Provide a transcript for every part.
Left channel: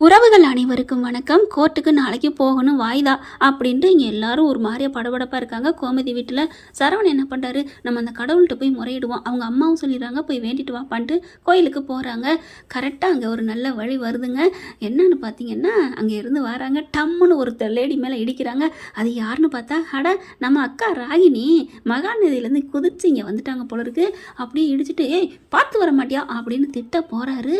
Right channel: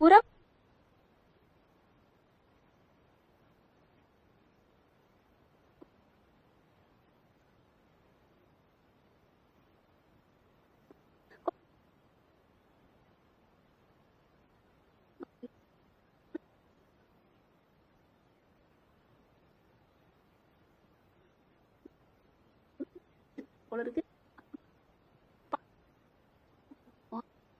உறவுகள் அனைவருக்கும் வணக்கம். கோர்ட்டுக்கு நாளைக்கு போகணும் வாய்தா? அப்படின்ட்டு இங்கே எல்லாரும் ஒரு மாதிரியா படபடப்பாக இருக்காங்க. கோமதி வீட்டில் சரவணன் என்ன பண்ணுறாரு நம்ம அந்த கடவுள்கிட்ட போய் முறையிடுவோம். அவங்க அம்மாவும் சொல்லிடுறாங்க போய் வேண்டிட்டு வாப்பான்ட்டு கோயிலுக்கு போகிறாங்க கரெக்டாக அங்கே ஒரு நல்ல வழி வருதுங்க. என்னன்னு பார்த்தீங்கன்னா அங்கே இருந்து வராங்க. டம்முன்னு ஒரு லேடி மேலே இடிக்கிறாங்க. அது யாருன்னு பார்த்தா அட நம்ம அக்கா ராகினி மகாநதியிலேருந்து குதிச்சு இங்கே வந்துட்டாங்க போல இருக்கு. அப்படியே இடிச்சிட்டு ஏய் பார்த்து வர மாட்டியா? அப்படின்னு திட்ட போகிறாரு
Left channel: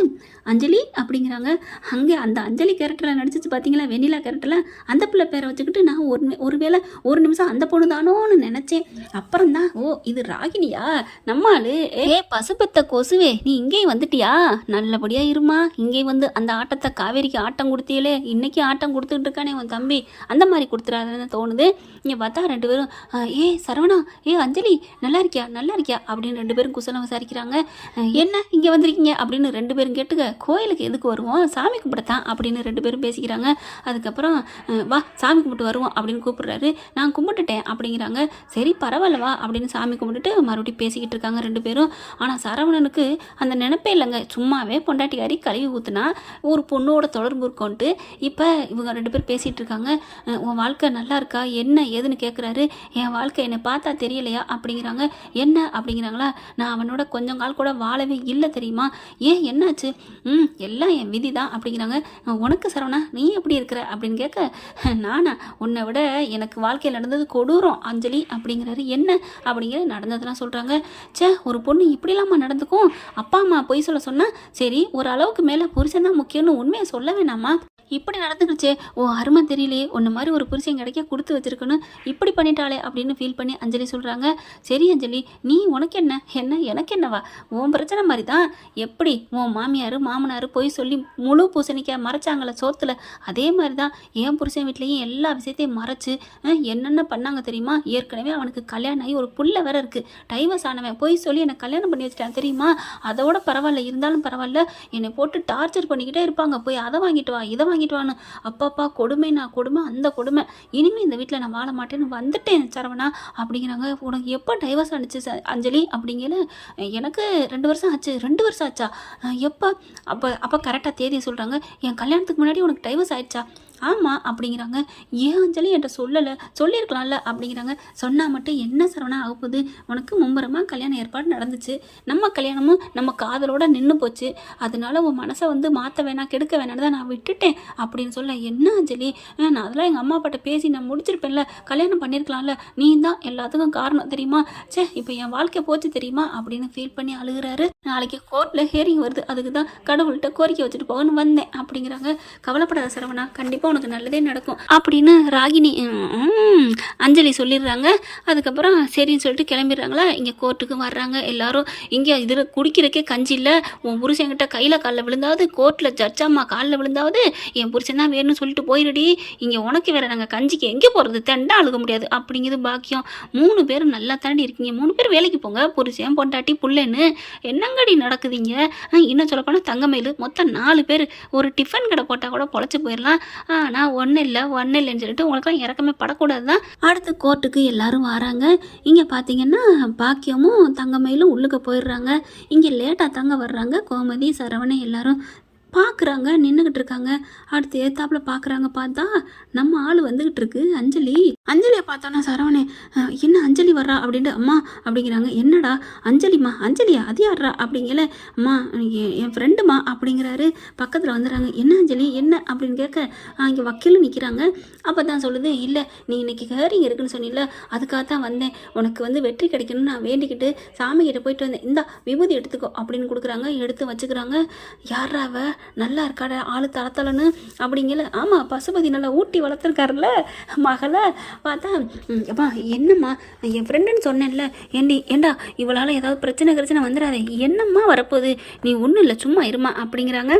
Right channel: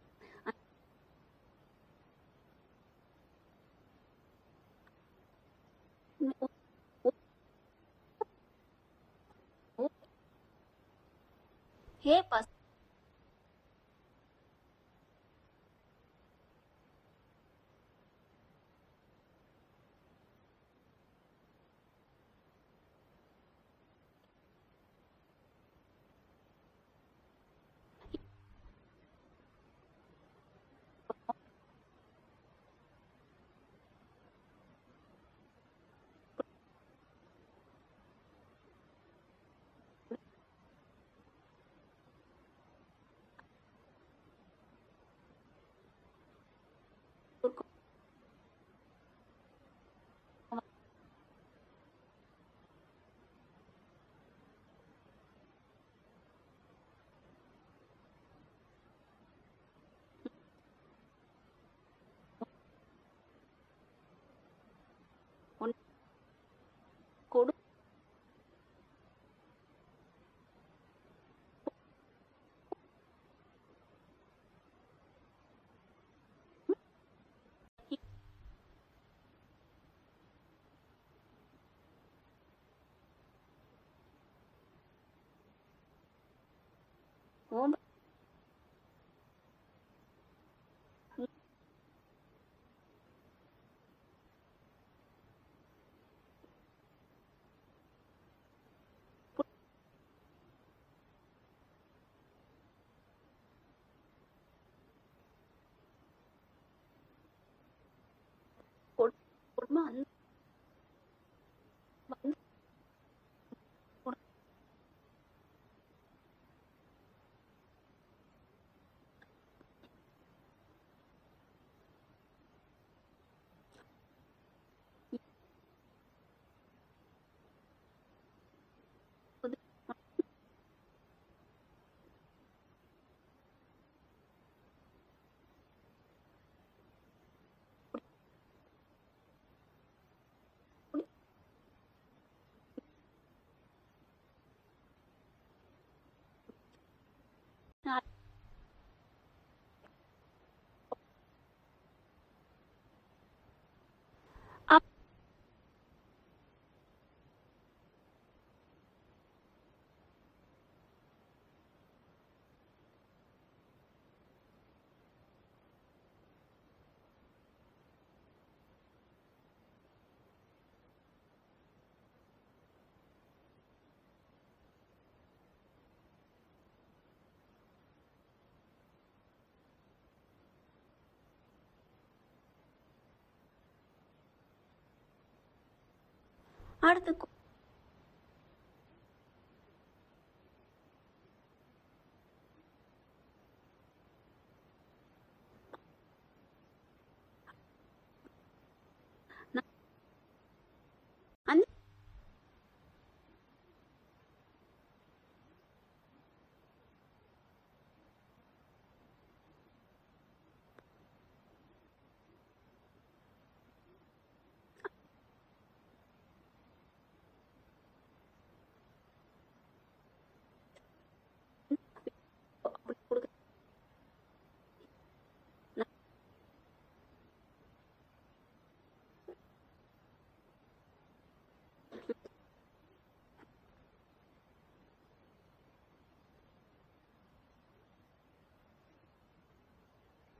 அஞ்சலி அப்படிங்கிறாங்க. அங்கே அந்த அஞ்சலி கேரக்டரில் நடிச்சிச்சு பார்த்தீங்களா வெண்ணிலா கேரக்டரில் அந்த பிள்ளை பேரை வச்சுக்கிட்டு நான் ஒரு ஒருவேளை ஒரு நிமிஷம் அந்த பொண்ணு தானோன்னு நினச்சேன். அப்புறம் தான் ஓ இது ராகினியா? நம்மாளு ஏ பசுபத்த கொசுவே நீ இங்கேயும் வந்துட்டியா? நல்லபடியாக இருமா. இங்கேயும் வந்து அந்த ஆட்டத்தை காவேரிக்கு ஆட்டம் கொடுத்தியலே இன்னைக்கு ஆட்டம் கொடுத்துட்டு இருக்கானே உன் தம்பி. அந்த மாதிரி கொடுத்துறாருன்னு தோணுது. இங்கே பார்த்தா ரெண்டு பேரும் ஏ சரவணா ஏ அஞ்சலி நல்லா இருக்கியா? நல்லா இருக்கியா? அப்படின்னு ரெண்டு பேரும் குசலம் விசாரிக்கிறாங்க. என்ன இங்கே வந்திருக்கீங்க? அப்படின்னு ரெண்டு பேரும் கேட்டுக்க கோயிலுக்கு எதுக்கு வருவோம்? சாமி கும்பிடத்தான் அப்படின்னு ரெண்டு பேரும் பேசிக்கிறாங்க. அதுக்கப்புறம் வா சாமி கும்பிட்டு வருவோம் அப்படின்னு கூப்பிடுறாரு. நான் கும்பிட்டுட்டேன் அப்படிங்கிறாங்க. சரி பரவாயில்ல வா அப்படின்னு சாமி கும்பிட்டுட்டு மறுபடியும் பேசிக்கிட்டு இருக்காங்க ரெண்டு பேரும். ஆனால் சரவணனுக்கு அந்த நினைப்பே இல்லைங்க. சும்மாவே பொண்டாட்டிக்காரி கழுவி ஊத்துனா ஒரு பொண்ணோட தொடர்பு இருக்கோன்ட்டு இப்போ இவங்க ரெண்டு பேரும் பேசிகிட்டு இருக்காங்க. உன் வாழ்க்கை நல்லா இருக்கா? என்ன ஏதுன்னு கேட்குறாரு என் வாழ்க்கை என்னை பார்த்தா தெரியலையா? அப்படிங்கிறாங்க. என்ன அப்படிங்கிறாங்களா? நான் அவனோட கொஞ்சம் கால் கூட வாழவே இல்லை தெரியுமா? ஏன் என்னாச்சு? ம் எல்லாம் என் விதி தான் அப்படிங்கிறாங்க. உனக்கு சரவணா நீ எப்படி இருக்கிற? அப்படின்னு கேட்க நானா உன்னை விட எனக்கு வாழ்க்கையில் நடந்தது கொடூரம் அஞ்சலி அப்படிங்கிறாரு. என்ன? அப்படிங்கிற நடந்ததெல்லாம் சொல்கிறாங்க ச்சே ஒரு பொண்ணு இப்படிலாமா நடந்துக்கும்? அப்பா அம்மா பொய் சொல்ல சொன்னால் சரி ஒரு அளவுக்கு மேலே புருஷன் தான் முக்கியம்னு உண்மையை சொல்ல வேணாமா? இப்படி நடந்துக்கிடுச்சே ஓ அருமை தெரியலையே. ஒன்று மாதிரி ஒரு புருஷன் கிடைக்க கொடுத்து வச்சிருக்கணும். இப்படி பண்ணிட்டாளே அப்படின்னு ஃபீல் பண்ணி அஞ்சலி சொல்கிறாங்க சரி அஞ்சலி நீ உனக்கு என்ன? என்ன எனக்கு என்னவா? உன் பிரச்சனை மாதிரி தான் எப்படி உன் மாமியார் மாமனார் போய் சொல்லி முழு பூசணிக்க மறைச்சாங்கள சோத்தில்? அதே மாதிரி தான் என் புருஷன் வீட்லேயும் எல்லா விஷயத்தையும் மறைச்சு என்னென்ன பண்ணாங்க தெரியுமா? ஏற்கனவே அவனுக்கு கல்யாணம் ஆகி ஒரு புள்ள வேற இருக்குது டைவர்ஸ் ஆனவன் போய் சொல்லி என்னை கல்யாணம் பண்ணி வச்சிட்டான் தெரியுமா? அதோட பரவாயில்ல இருந்தாலும் பரவாயில்ல. என்னை போட்டு டார்ச்சர் பண்ணிக்கிட்டே இருப்பாங்க. போய் அதை வாங்கிட்டு வா இதை வாங்கிட்டு வான்னு. அப்பாப்பா கொடுமை நான் கொடுமை அந்த கொடுமை. இனிமேல் இந்த வீட்டில் நான் வாழ மாட்டேன்னு வந்துட்டேன் சரவணா அப்படிங்கிறாங்க. உனக்கு எப்போ டைவர்ஸ் ஆனிச்சு அஞ்சலி? அப்படிங்கல எனக்கு ரெண்டு வருஷம் ஆச்சு ரெண்டு வருஷம் ஆச்சா? எப்போ? அப்போ அப்போ கரெக்டாக தேதி சொல்கிறாங்க என் கல்யாணத்துக்கு முன்னாடி உனக்கு டைவர்ஸ் ஆயிடுச்சா? ஆமாம் அப்படிங்கிறாங்க. ஏன் அஞ்சலி என்கிட்ட சொல்லலை? சொல்லியிருக்கலாம்ல அப்படிங்கிறாங்க. சொன்னால் மட்டும் என்ன சரவணா ஆகப்போகுது உனக்கு மும்பரமாக கல்யாணம் ஏற்பாடு நடந்துச்சு. நம்ம கல்யாணமும் நம்ம காதலோட நின்று போச்சு. அதனால உன் மனசை வந்து மாற்ற வேணாம் கெடுக்க வேணான்னு தான் நான் விட்டுட்டேன் அப்படின்னு சொல்ல என்ன அஞ்சலி? நான் அதெல்லாம் எங்கள் அம்மா அப்பாட்ட பேசி நான் முடிச்சிருப்பேன்ல. கல்யாணம் பண்ணியிருக்கலாம்ல. நீ தான் எல்லாத்துக்கும் காரணம் தெரியுமா? ச்சே இப்போ என் வாழ்க்கை போச்சு தெரியுமா? அப்படின்னு ஃபீல் பண்ணி அழுகுறாரு. நாளைக்கு கோர்ட்டில் ஹியரிங் வருது. அதுக்கு தான் கடவுள்கிட்ட கோரிக்கை வச்சுட்டு போகணும்னு வந்தேன் அப்படிங்கிறாங்க. கவலைப்படாத சரவணா கண்டிப்பாக உனக்கு நல்லதே நடக்கும் அப்படின்னு ராகினி அஞ்சலி சொல்லிடுறாங்க. அதுக்கப்புறம் சரின்னு சொல்லிட்டு கிளம்பிடுறாங்களா? இங்கே கோர்ட்டுக்கு வர்றாங்க. எல்லாரும் இங்கே இதில் குடிக்கிறக்கே கஞ்சி இல்லை. உன் புருஷன்கிட்ட கையில் காலில் விழுந்தாவது கோர்ட்டில் ஜட்ஜாம்மா காலில் விழுந்தாவது என் புருஷன் தான் வேணும்னு சொல்லிட்டு போயிடுடி இங்கே உனக்கு வேற நாங்கள் கஞ்சிக்கு எங்கே போகிறது தெண்டா அழுக முடியாது. அப்படிங்கிறது பாக்கியம். மூணு பேரும் நல்லா தாண்டி இருக்கீங்க. மூணு பேர் வேலைக்கு போங்க. புருஷன் பொண்டாட்டி புள்ளன்னு. என்னங்கடி நடக்குதுங்க? இன்னும் சொல்லப்போனால் தங்கமயில் மொத்தம் நாலு பேர். ஒரு டிஃபன் கடை போட்டால் கூட பொழைச்சி போயிடலாம் ஆனால் ஒன்றும் இல்லை ஒன்றும் இல்லைன்னு சொல்லிட்டு உங்களுக்குலாம் இறக்கமே படக்கூடாது தான் அடுத்து கோர்ட்டுக்கு எல்லாரும் வராங்க. இங்கே பார்த்தீங்கன்னா பாக்கியமும் தங்கமயிலும் உள்ளுக்கு போயிடுறாங்க. இங்கே லேட்டாக தங்க வர்றாங்க. கோமதி சரவணன் எல்லாரும் பார்க்குறாங்க நின்றுக்கிட்டு இருக்காங்க. அடுத்து ஏத்தாப்புல பார்க்குறாங்க பார்த்தா நம்ம ஆள் வந்துக்கிட்டு இருக்கு அஞ்சலி. அஞ்சலியை பார்த்தோன்னா சரவணே என்ன அஞ்சலி வர்றா அப்படின்ட்டு அம்மா அப்படிங்கிறாங்க. என்னடா அஞ்சலிம்மா அஞ்சலியா? அது யாரா அப்படிங்கல அம்மா என் என் ஃப்ரெண்டுமா அப்படிங்கிறாரு. பக்கத்தில் வந்துடுறாங்க என்ன அஞ்சலி? என்ன அப்படின்னு கேட்க இங்கே வக்கீலும் நிற்கிறாங்க அப்போ தான் சொல்லுது இல்லை நீ இன்னைக்கு ஹேரிங் இருக்குன்னு சொன்னில அதுக்காக தான் வந்தேன். உனக்கு வந்து வெற்றி கிடைக்கணும்னு நான் வேண்டிக்கிட்டு சாமி கிட்ட போயிட்டு வந்தேன். இந்தா விபூதி எடுத்துக்கோ அப்படின்னு கொடுக்குறாங்க. எடுத்து வச்சுக்கிறாங்க. யார்றாவை நல்லா இருக்காட ஆளு தளத்தலன்னு அப்படிங்கல. ஆமாம் பசுபதி நல்லா ஊட்டி வளர்த்துருக்காருல்ல மகளை. பார்த்தா அப்பா என்னம்மா என் ஃப்ரெண்டுன்னு சொன்னேன்ல என்னி ஏண்டா இவளால் ஏதாவது பிரச்சனை கிரச்சனை வந்துடாதே என்னம்மா வரப்போகுது? நீ ஒன்றும் இல்லை சும்மா இருமா அப்படிங்கிறாங்க.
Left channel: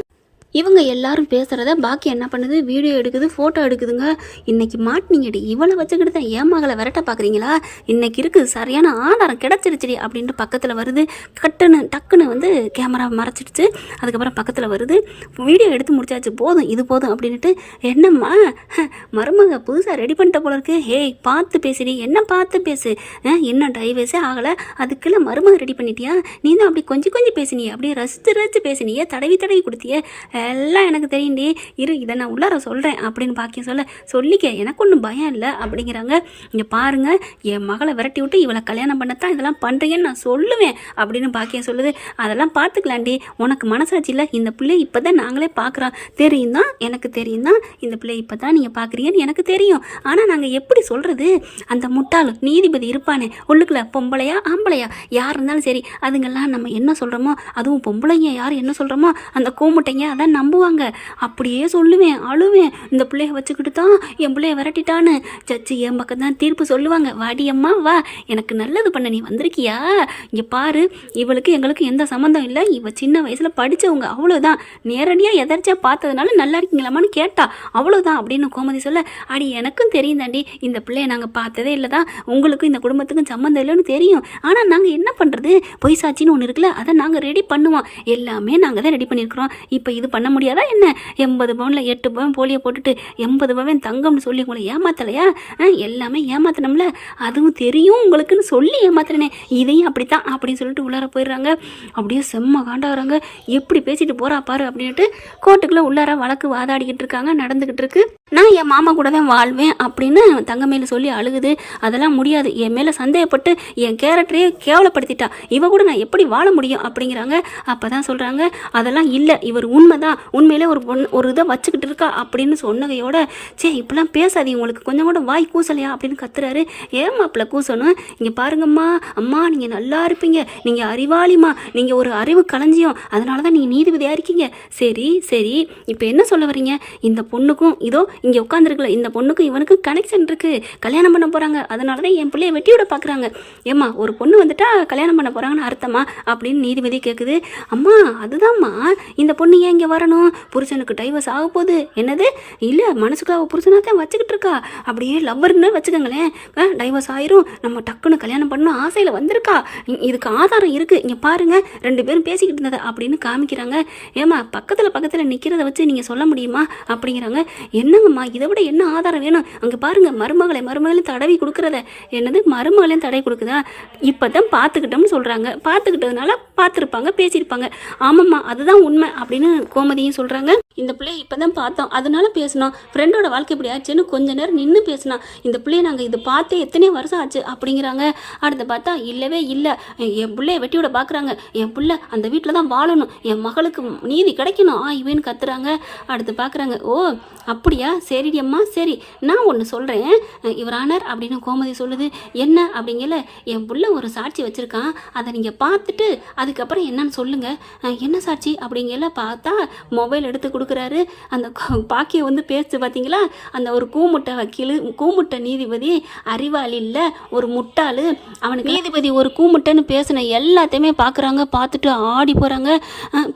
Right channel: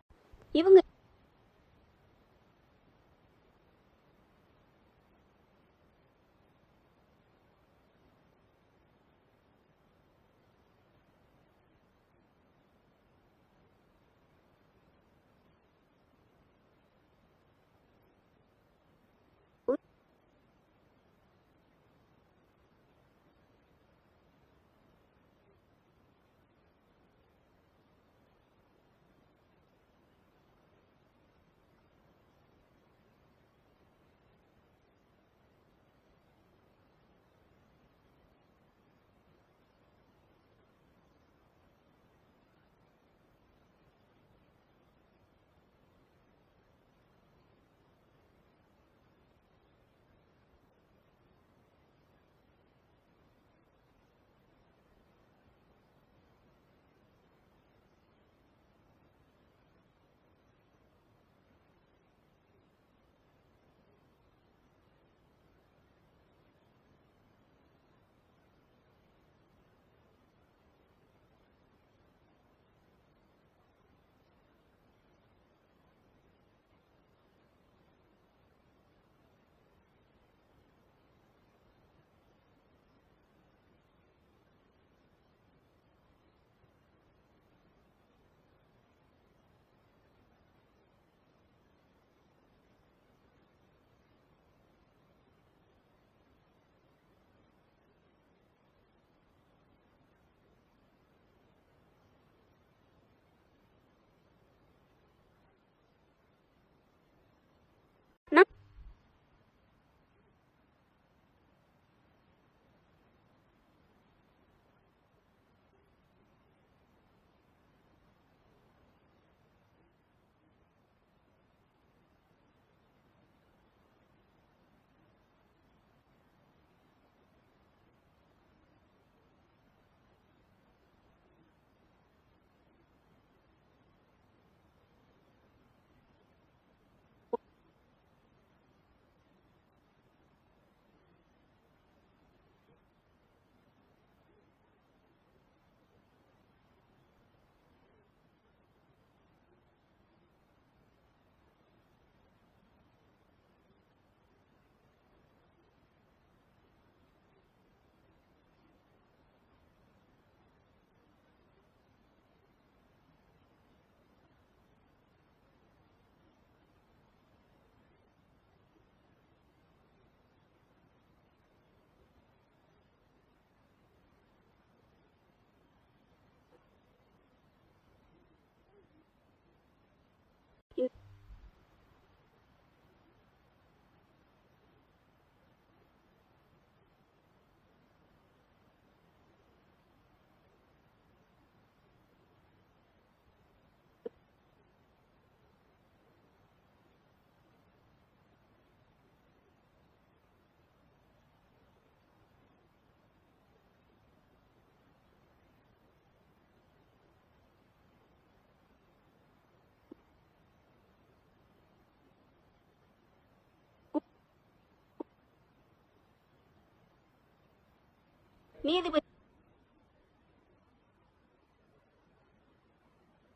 இவங்க எல்லாரும் பேசுகிறத பாக்கி என்ன பண்ணுது? வீடியோ எடுக்குது ஃபோட்டோ எடுக்குதுங்க. இன்னைக்கு மாட்டினீங்கடி. இவளை வச்சுக்கிட்டு தான் ஏன் மகளை விரட்ட பார்க்குறீங்களா இன்னைக்கு இருக்குது சரியான ஆதாரம் கிடச்சிருச்சுடி அப்படின்ட்டு பக்கத்தில் வருது. கட்டுன்னு டக்குன்னு வந்து கேமரா மறைச்சிடுச்சு. அதுக்கப்புறம் பக்கத்தில் வருது. வீடியோ எடுத்து முடிச்சாச்சு. போதும் இது போதும் அப்படின்ட்டு என்னம்மா? ஹ, மருமக புதுசாக ரெடி பண்ணிட்ட போல இருக்கு. ஹேய் பார்த்து பேசுடி. என்ன பார்த்து பேசு? என்ன இன்னும் டைவர்ஸே ஆகலை? அதுக்குள்ள மருமக ரெடி பண்ணிட்டியா? நீ தான் அப்படி கொஞ்சம் கொஞ்சம் பேசினியே. அப்படியே ரசித்து ரசித்து பேசினியே. தடவி தடவி கொடுத்தியே. எல்லாம் எனக்கு தெரியும்டி. இரு இதை நான் உள்ளார சொல்கிறேன் அப்படின்னு பாக்கியம் சொல்ல சொல்லிக்க எனக்கு ஒன்றும் பயம் இல்லை அப்படிங்கிறாங்க. இங்கே பாருங்கள் என் மகளை விரட்டி விட்டு இவளை கல்யாணம் பண்ணத்தான் இதெல்லாம் பண்ணுறீங்கன்னு நான் சொல்லுவேன் அப்படின்னு பாக்கியம் சொல்லுது. அதெல்லாம் பார்த்துக்கலாண்டி உனக்கு மனசாட்சி இல்லை இந்த பிள்ளை இப்போ தான் நாங்களே பார்க்குறோம் தெரியும் தான் எனக்கு தெரியும் தான் இந்த பிள்ளை இப்போ தான் நீங்கள் பார்க்குறீங்கன்னு எனக்கு தெரியும். ஆனால் நாங்கள் எப்படி சொல்கிறது அந்த முட்டாள் நீதிபதி இருப்பானே உள்ளுக்குள்ள பொம்பளையா ஆம்பளையா? யார் இருந்தாலும் சரி அதுங்கெல்லாம் நம்ம என்ன சொல்கிறோமோ அதுவும் பொம்பளைங்க யார் என்ன சொல்கிறோமோ அந்த கூமுட்டைங்க அதான் நம்புவாங்க. அப்படியே சொல்லுவேன் அழுவேன். இந்த பிள்ளைய வச்சுக்கிட்டு தான் என் பிள்ளைய விரட்டிட்டான்னு. சச்சி என் பக்கம் தான் தீர்ப்பு சொல்லுவாங்க. வாடி அம்மா வா. எனக்கு நல்லது பண்ண நீ வந்திருக்கியா? இங்கே பாரு இவளுக்கு எங்களுக்கு எந்த சம்மந்தம் இல்லை. இவ சின்ன வயசில் படித்தவங்க அவ்வளோதான் நேரடியாக எதர்ச்சியாக பார்த்ததுனால நல்லா இருக்கீங்களாமான்னு கேட்டா அவ்வளோதான் அப்படின்னு கோமதி சொல்ல அடி எனக்கும் தெரியும் தாண்டி. இந்த பிள்ளைய நாங்கள் பார்த்ததே இல்லை தான் உங்களுக்கும் இந்த குடும்பத்துக்கும் சம்மந்தம் இல்லைன்னு தெரியும். ஆனால் நாங்கள் என்ன பண்ணுறது பொய் சாட்சின்னு ஒன்று இருக்குல்ல அதை நாங்கள் ரெடி பண்ணுவோம். எல்லாமே நாங்கள் தான் ரெடி பண்ணியிருக்கிறோம். இப்போ இது பண்ண பண்ண முடியாதா என்ன? எண்பது பவுனில் எட்டு பவுன் போலியை போட்டுட்டு எண்பது பவுன் தங்கம்னு சொல்லி உங்களை ஏமாத்தலையா? ஆ, எல்லாமே ஏமாத்தணும்ல? அதுவும் தெரியும் உங்களுக்குன்னு சொல்லி ஏமாத்துறேனே. இதையும் அப்படித்தான் அப்படின்னு சொல்லிட்டு உள்ளார போயிடுறாங்க. அப்படியே செம்ம காண்டாகிறாங்க எப்படி பேசிட்டு போறா பாரு அப்படின்ட்டு கோர்ட்டுக்குள்ளே உள்ளார வழக்கு வாதாடிக்கிட்டு இருக்காங்க நடந்துக்கிட்டு இருக்கு. நான் என் மாமா கூட தான் வாழ்வேன் அப்படின்னு தங்கமேல சொல்லி அழுகுது. அதெல்லாம் முடியாது. என் மேலே சந்தேகப்பட்டு என் கேரக்டரையே கேவலப்படுத்திட்டா. இவ கூட நான் எப்படி வாழ முடியும் அப்படிங்கிறாங்க. அப்போ தான் சொல்கிறாங்க அதெல்லாம் இல்லை. இவர் உண்மை தான் உண்மையிலே ஒரு பொண்ணு ஒரு இதை வச்சுக்கிட்டு இருக்கா அப்படின்னு சொன்னகையோட சே இப்படிலாம் பேசாதீங்க. உங்களுக்கு கொஞ்சம் கூட வாய் கூசலையா? அப்படின்னு கத்துறாரு. ஏன் மாப்பிள்ள கூசணும்? இங்கே பாருங்கம்மா. அம்மா நீங்கள் நல்லா இருப்பீங்க. நீங்கள் அறிவாளிம்மா. நீங்கள் ஒரு அறிவு களஞ்சியம். அதனால தான் நீங்கள் நீதிபதியாக இருக்கீங்க. சரி சரி. இப்போ என்ன சொல்ல வரீங்க இந்த பொண்ணுக்கும் இதோ இங்கே உட்காந்துருக்குல இந்த பொண்ணுக்கும் இவனுக்கும் கனெக்ஷன் இருக்குது கல்யாணம் பண்ண போகிறாங்க அதனால தான் என் பிள்ளைய வெட்டி விட பார்க்குறாங்க ஏம்மா ஒரு பொண்ணு வந்துட்டா கல்யாணம் பண்ண போகிறாங்கன்னு அர்த்தமா? அப்படின்னு நீதிபதி கேட்குது அம்மா அதுதாம்மா. இந்த பொண்ணு ஏன் இங்கே வரணும்? புருஷனுக்கு டைவர்ஸ் ஆக போகுது. என்னது? இல்லை மனசுக்கு அவள் புருஷனாக தான் வச்சுக்கிட்டு இருக்கா. அப்படியே லவ்வர்னு வச்சுக்கோங்களேன். டைவர்ஸ் ஆயிரும். நம்ம டக்குன்னு கல்யாணம் பண்ணணும் ஆசையில் வந்திருக்கா. இதுக்கு ஆதாரம் இருக்குது இங்கே பாருங்கள் ரெண்டு பேரும் பேசிக்கிட்டு இருந்ததை அப்படின்னு காமிக்கிறாங்க. ஏம்மா பக்கத்தில் பக்கத்தில் நிற்கிறத வச்சு நீங்கள் சொல்ல முடியுமா? அப்படிங்கிறாங்க. என்னங்கம்மா இதை விட என்ன ஆதாரம் வேணும்? அங்கே பாருங்கள் மருமகளை மருமகளையும் தடவி கொடுக்குறத. என்னது மருமகளையும் தடவி கொடுக்குதா? இப்போ தான் பார்த்துக்கிட்டோம்னு சொல்கிறாங்க பார்த்துக்கிட்டதுனால பார்த்துருப்பாங்க பேசியிருப்பாங்க. ஆமாம்மா அதுதான் உண்மை அப்படின்னு கோமதியும் சொல்கிறாங்க இந்த பிள்ளைய இப்போ தான் பார்த்தோம். அதனால பேசினோம் ஃப்ரெண்டோட வாழ்க்கை இப்படி ஆச்சுன்னு கொஞ்ச நேரம் நின்று பேசினோம் இந்த பிள்ளைய நாங்கள் இது பார்த்தே எத்தனை வருஷம் ஆச்சு அப்படிங்கிறாங்க. அடுத்து பார்த்தா இல்லவே இல்லை. என் பிள்ளைய வெட்டி விட பார்க்குறாங்க என் பிள்ளை அந்த வீட்டில் தான் வாழணும். என் மகளுக்கு நீதி கிடைக்கணும். ஆ இவன்னு கத்துறாங்க. அடுத்து பார்க்குறாங்க ஓ அப்படியா? சரிடி அம்மா சரி. நான் ஒன்று சொல்கிறேன் இவரானர் அப்படின்னு கோமதி சொல்லுது. என்ன அப்படிங்கல? என் பிள்ளை ஒரு சாட்சி வச்சுருக்கான். அதை நீங்கள் பார்த்துட்டு அதுக்கப்புறம் என்னன்னு சொல்லுங்கள் என்ன சாட்சி அப்படிங்கல பார்த்தா மொபைல் எடுத்து கொடுக்குறாரு. அந்த பாக்கியம் வந்து பேசுது பார்த்தீங்களா அந்த ஒரு கூமுட்டை வக்கீல் கூமுட்டை நீதிபதி அறிவாளி இல்லை ஒரு முட்டாள். அவனுக்கு நீதிபதி ஒரு கூமுட்டைன்னு பேசின எல்லாத்தையுமே பார்க்குறாங்க பார்த்துட்டு ஆடி போகிறாங்க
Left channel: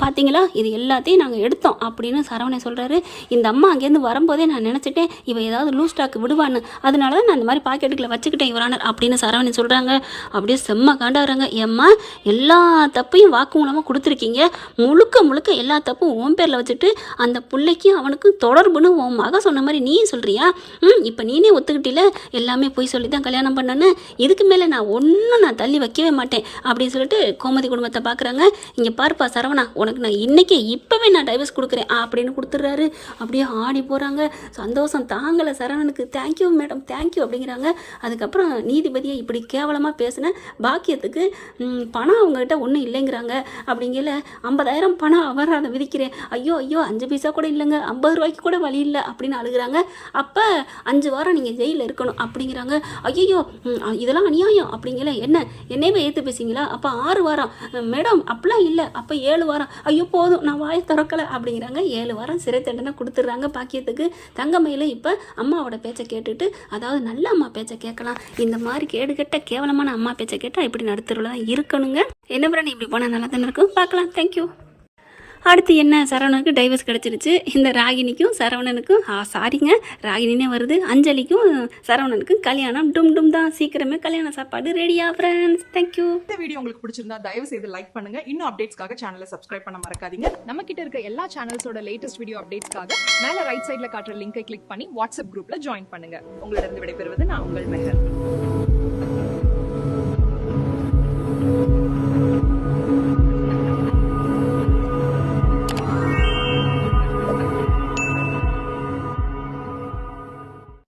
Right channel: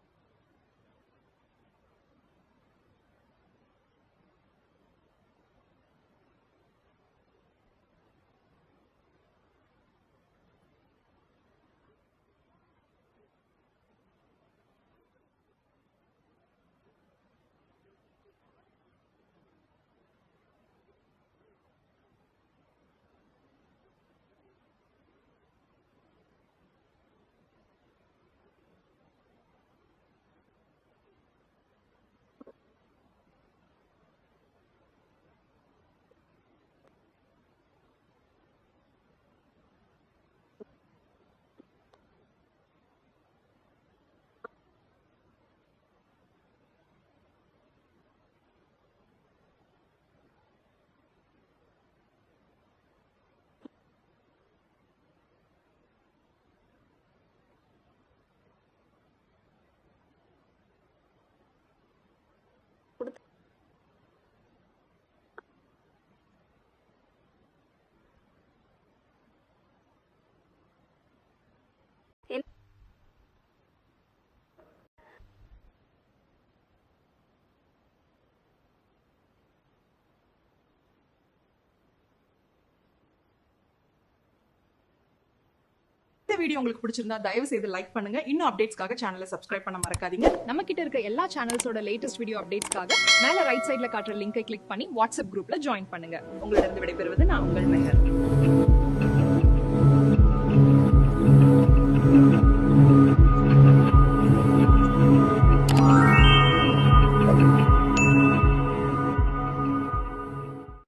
பார்த்தீங்களா இது எல்லாத்தையும் நாங்கள் எடுத்தோம் அப்படின்னு சரவணன் சொல்கிறாரு இந்த அம்மா அங்கேருந்து வரும்போதே நான் நினச்சிட்டேன் இவ ஏதாவது லூஸ் ஸ்டாக் விடுவான்னு. அதனால தான் நான் இந்த மாதிரி பாக்கெட்டுக்குள்ள வச்சுக்கிட்டேன் இவரானர் அப்படின்னு சரவணன் சொல்கிறாங்க அப்படியே செம்ம காண்டாகிறாங்க ஏம்மா எல்லா தப்பையும் வாக்குமூலமாக கொடுத்துருக்கீங்க. முழுக்க முழுக்க எல்லா தப்பும் உன் பேரில் வச்சுட்டு அந்த பிள்ளைக்கும் அவனுக்கும் தொடர்புன்னு உன் மக சொன்ன மாதிரி நீ சொல்கிறியா ம் இப்போ நீனே ஒத்துக்கிட்டில? எல்லாமே போய் சொல்லி தான் கல்யாணம் பண்ணேன்னு? இதுக்கு மேலே நான் ஒன்றும் நான் தள்ளி வைக்கவே மாட்டேன் அப்படின்னு சொல்லிட்டு கோமதி குடும்பத்தை பார்க்குறாங்க இங்கே பாருப்பா சரவணா உனக்கு நான் இன்னைக்கே இப்போவே நான் டைவர்ஸ் கொடுக்குறேன் அப்படின்னு கொடுத்துட்றாரு. அப்படியே ஆடி போகிறாங்க சந்தோஷம் தாங்கலை சரவணனுக்கு. Thank you madam thank you அப்படிங்கிறாங்க. அதுக்கப்புறம் நீதிபதியை இப்படி கேவலமாக பேசின பாக்கியத்துக்கு பணம் அவங்ககிட்ட ஒன்றும் இல்லைங்கிறாங்க. அப்படிங்கல ஐம்பதாயிரம் பணம் அபராதம் விதிக்கிறேன். ஐயோ ஐயோ அஞ்சு பைசா கூட இல்லைங்க. ஐம்பது ரூபாய்க்கு கூட வழி இல்லை அப்படின்னு அழுகுறாங்க. அப்போ அஞ்சு வாரம் நீங்கள் ஜெயிலில் இருக்கணும் அப்படிங்கிறாங்க. ஐயோ இதெல்லாம் அநியாயம் அப்படிங்கல. என்ன? என்னையவே ஏற்று பேசுங்களா அப்போ ஆறு வாரம். மேடம் அப்படிலாம் இல்லை. அப்போ ஏழு வாரம். ஐயோ போதும். நான் வாயை திறக்கலை அப்படிங்கிறாங்க. ஏழு வாரம் சிறை தண்டனை கொடுத்துட்றாங்க பாக்கியத்துக்கு. தங்கமையில் இப்போ அம்மாவோட பேச்சை கேட்டுட்டு அதாவது நல்ல அம்மா பேச்சை கேட்கலாம். இந்த மாதிரி கேடுகெட்ட கேவலமான அம்மா பேச்சை கேட்டால் இப்படி நடுத்தருவில் தான் இருக்கணுங்க. என்ன பிராணி இப்படி போனால் நல்லா தானே இருக்கும்? பார்க்கலாம். தேங்க்யூ அடுத்து என்ன? சரவணனுக்கு டைவர்ஸ் கிடச்சிருச்சு. இந்த ராகினிக்கும் சரவணனுக்கும் ஆ சாரிங்க ராகினினே வருது. அஞ்சலிக்கும் சரவணனுக்கும் கல்யாணம். டும் டும் தான். சீக்கிரமே கல்யாண சாப்பாடு ரெடியா ஃப்ரெண்ட்ஸ் தேங்க்யூ இந்த வீடியோ உங்களுக்கு பிடிச்சிருந்தா தயவு செய்து லைக் பண்ணுங்க. இன்னும் அப்டேட்ஸ்க்காக சேனலை சப்ஸ்கிரைப் பண்ண மறக்காதீங்க. நம்ம கிட்ட இருக்க எல்லா சேனல்ஸோட லேட்டஸ்ட் வீடியோ அப்டேட்ஸ்க்காக மேல ரைட் சைடுல காட்டுற லிங்கை கிளிக் பண்ணி வாட்ஸ்அப் குரூப்ல ஜாயின் பண்ணுங்க. உங்களிடம் விடைபெறுவது நான் உங்கள் மெஹர்.